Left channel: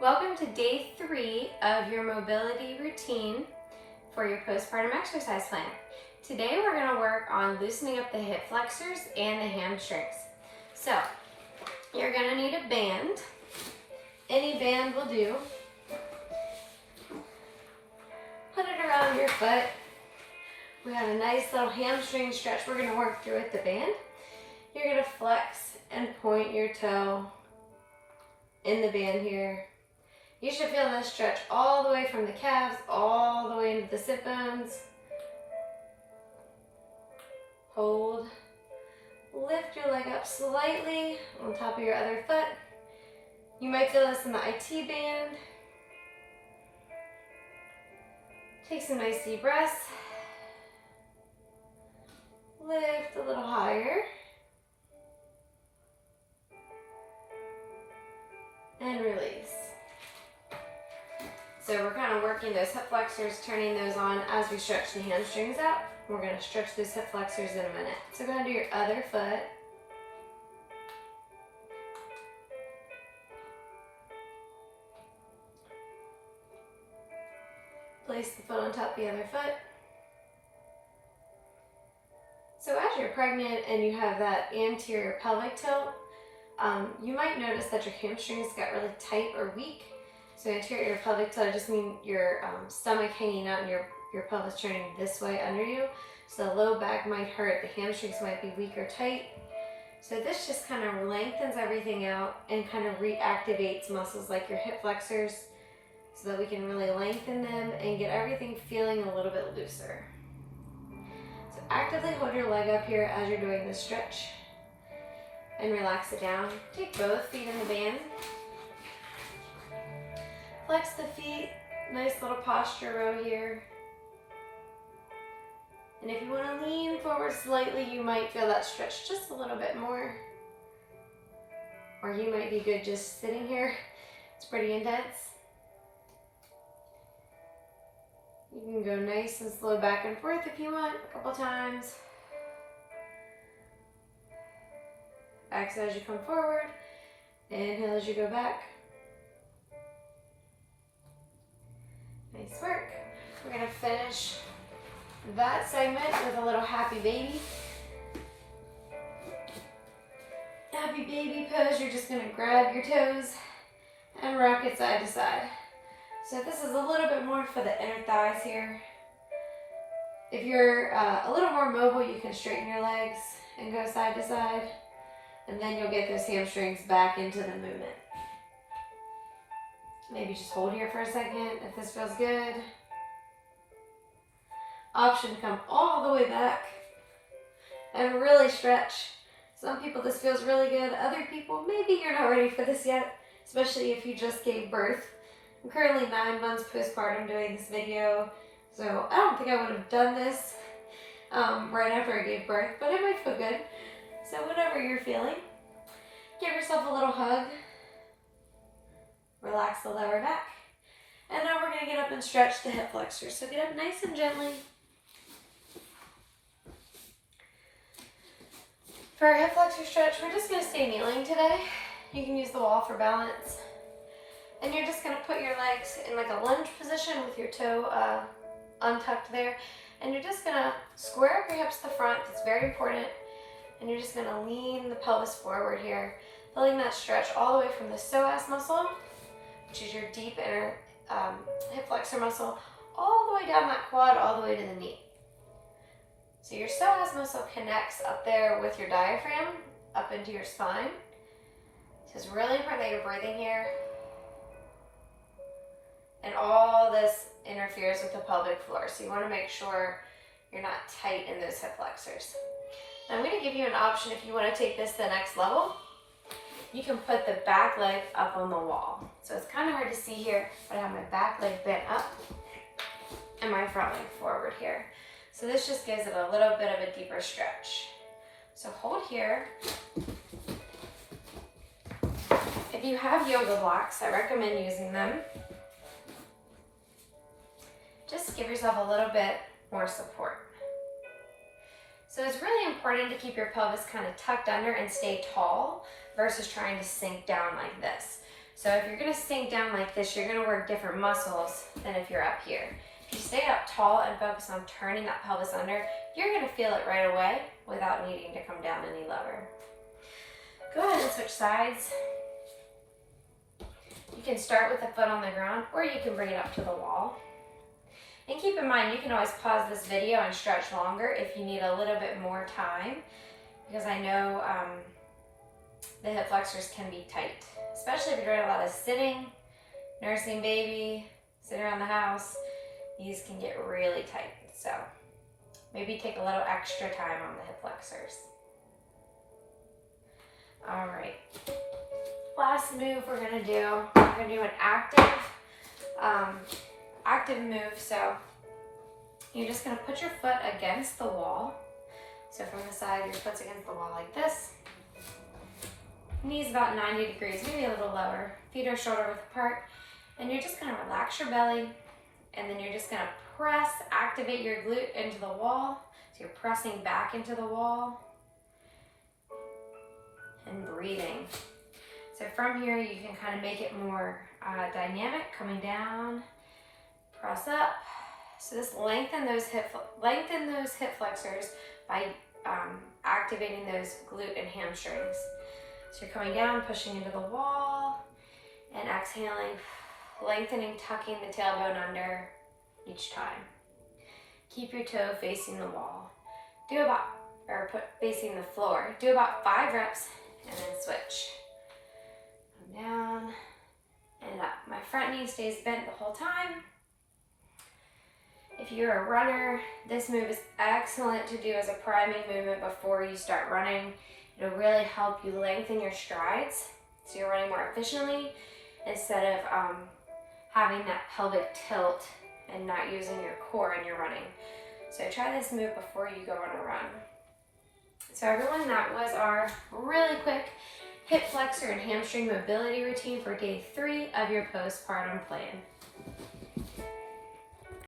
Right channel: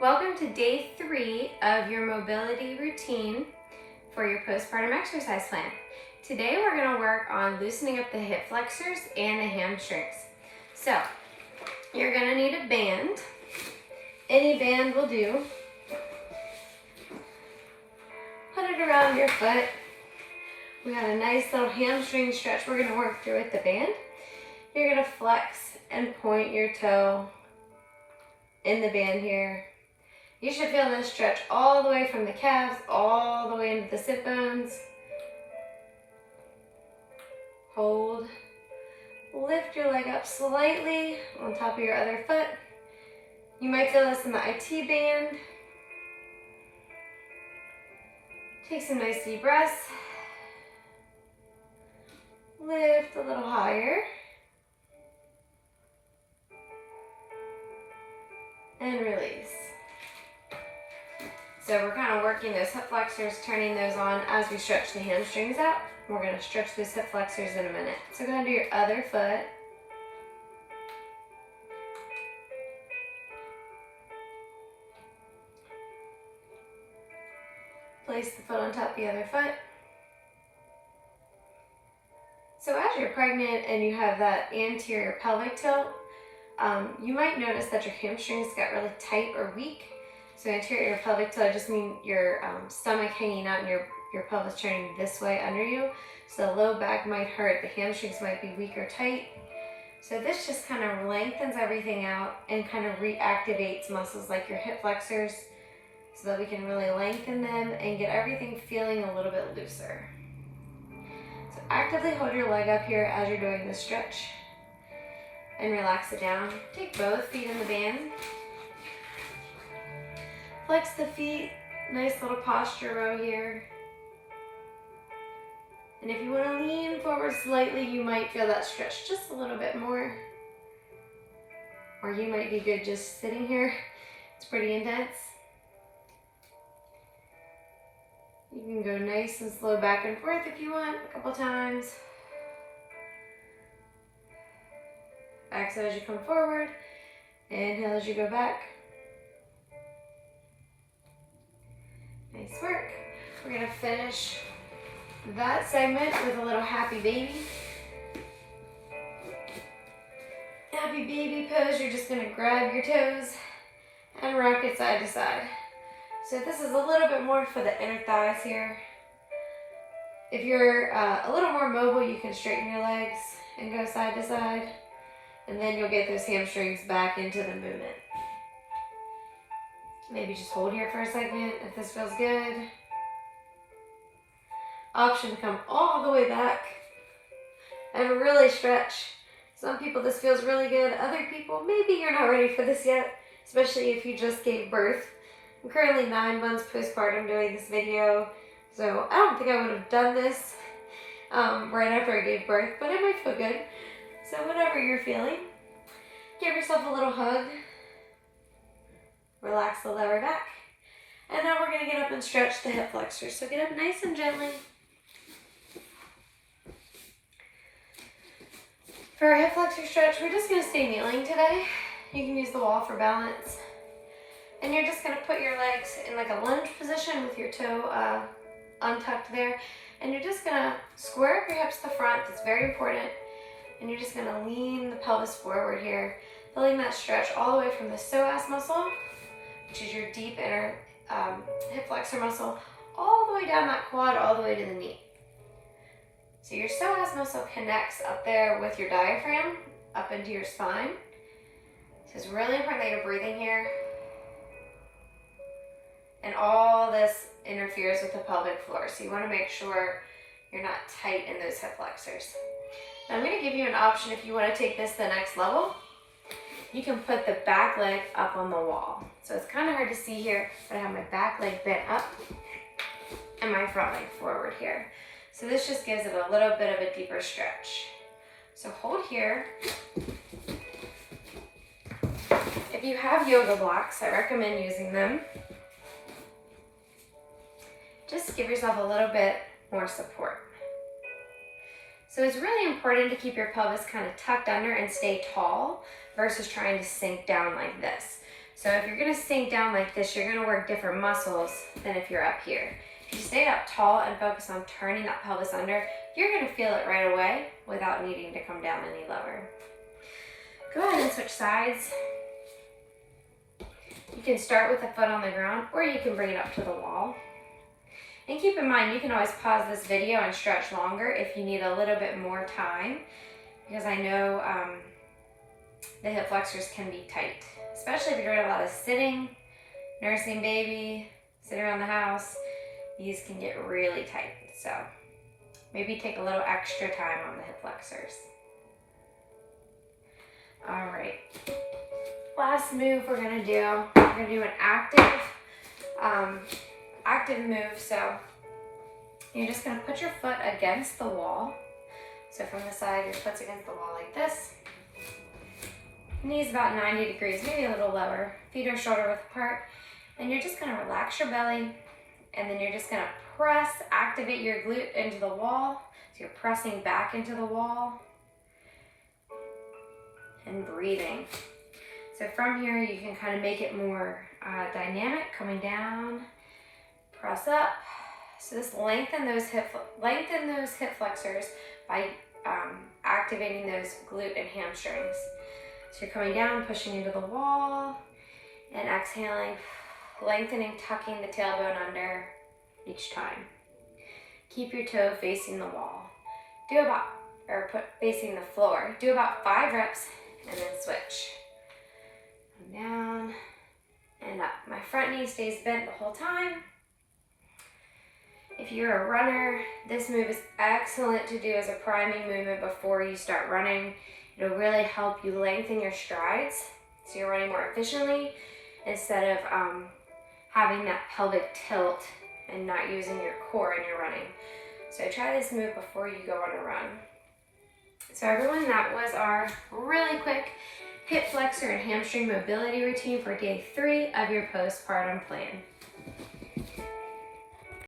Welcome to day 3 of your mobility routine for your postpartum exercise plan. Today we're going to work on loosening up the hip flexors and the hamstrings. So you're going to need a band. Any band will do. Put it around your foot. We have a nice little hamstring stretch we're going to work through with the band. You're going to flex and point your toe in the band here. You should feel this stretch all the way from the calves, all the way into the sit bones. Hold. Lift your leg up slightly on top of your other foot. You might feel this in the IT band. Take some nice deep breaths. Lift a little higher. And release. So we're kind of working those hip flexors, turning those on as we stretch the hamstrings out. We're going to stretch those hip flexors in a minute. So go ahead and do your other foot. Place the foot on top of the other foot. So as you're pregnant and you have that anterior pelvic tilt, you might notice that your hamstrings got really tight or weak. So anterior pelvic tilt, I just mean your stomach hanging out and your pelvis turning this way under you. So the low back might hurt, the hamstrings might be weak or tight. So this just kind of lengthens everything out and kind of reactivates muscles like your hip flexors so that we can really lengthen them and get everything feeling a little bit looser. So actively hold your leg up here as you're doing this stretch and relax it down. Take both feet in the band. Flex the feet, nice little posture row here. And if you want to lean forward slightly, you might feel that stretch just a little bit more. Or you might be good just sitting here. It's pretty intense. You can go nice and slow back and forth if you want, a couple times. Exhale as you come forward. Inhale as you go back. Nice work. We're going to finish that segment with a little happy baby. Happy baby pose. You're just going to grab your toes and rock it side to side. So this is a little bit more for the inner thighs here. If you're a little more mobile, you can straighten your legs and go side to side. And then you'll get those hamstrings back into the movement. Maybe just hold here for a second if this feels good. Option to come all the way back and really stretch. Some people this feels really good. Other people, maybe you're not ready for this yet, especially if you just gave birth. I'm currently 9 months postpartum doing this video, so I don't think I would have done this right after I gave birth, but it might feel good. So whatever you're feeling, give yourself a little hug. Relax the lower back. And now we're going to get up and stretch the hip flexors. So get up nice and gently. For our hip flexor stretch, we're just going to stay kneeling today. You can use the wall for balance. And you're just going to put your legs in like a lunge position with your toe untucked there. And you're just going to square up your hips to the front. That's very important. And you're just going to lean the pelvis forward here, feeling that stretch all the way from the psoas muscle, which is your deep inner hip flexor muscle, all the way down that quad, all the way to the knee. So your psoas muscle connects up there with your diaphragm, up into your spine. So it's really important that you're breathing here. And all this interferes with the pelvic floor. So you want to make sure you're not tight in those hip flexors. Now I'm going to give you an option if you want to take this to the next level. You can put the back leg up on the wall. So it's kind of hard to see here, but I have my back leg bent up and my front leg forward here. So this just gives it a little bit of a deeper stretch. So hold here. If you have yoga blocks, I recommend using them. Just give yourself a little bit more support. So it's really important to keep your pelvis kind of tucked under and stay tall versus trying to sink down like this. So if you're gonna sink down like this, you're gonna work different muscles than if you're up here. If you stay up tall and focus on turning that pelvis under, you're gonna feel it right away without needing to come down any lower. Go ahead and switch sides. You can start with the foot on the ground, or you can bring it up to the wall. And keep in mind, you can always pause this video and stretch longer if you need a little bit more time, because I know the hip flexors can be tight, especially if you're doing a lot of sitting, nursing baby, sitting around the house. These can get really tight. So maybe take a little extra time on the hip flexors. All right. Last move we're gonna do an active move. So you're just gonna put your foot against the wall. So from the side, your foot's against the wall like this. Knees about 90 degrees, maybe a little lower. Feet are shoulder width apart. And you're just gonna relax your belly, and then you're just gonna press, activate your glute into the wall. So you're pressing back into the wall and breathing. So from here, you can kind of make it more dynamic, coming down, press up. So just lengthen those hip flexors by activating those glute and hamstrings. So you're coming down, pushing into the wall, and exhaling, lengthening, tucking the tailbone under each time. Keep your toe facing the wall. Facing the floor. Do about 5 reps, and then switch. Down and up. My front knee stays bent the whole time. If you're a runner, this move is excellent to do as a priming movement before you start running. It'll really help you lengthen your strides so you're running more efficiently instead of having that pelvic tilt and not using your core in your running. So try this move before you go on a run. So everyone, that was our really quick hip flexor and hamstring mobility routine for day 3 of your postpartum plan.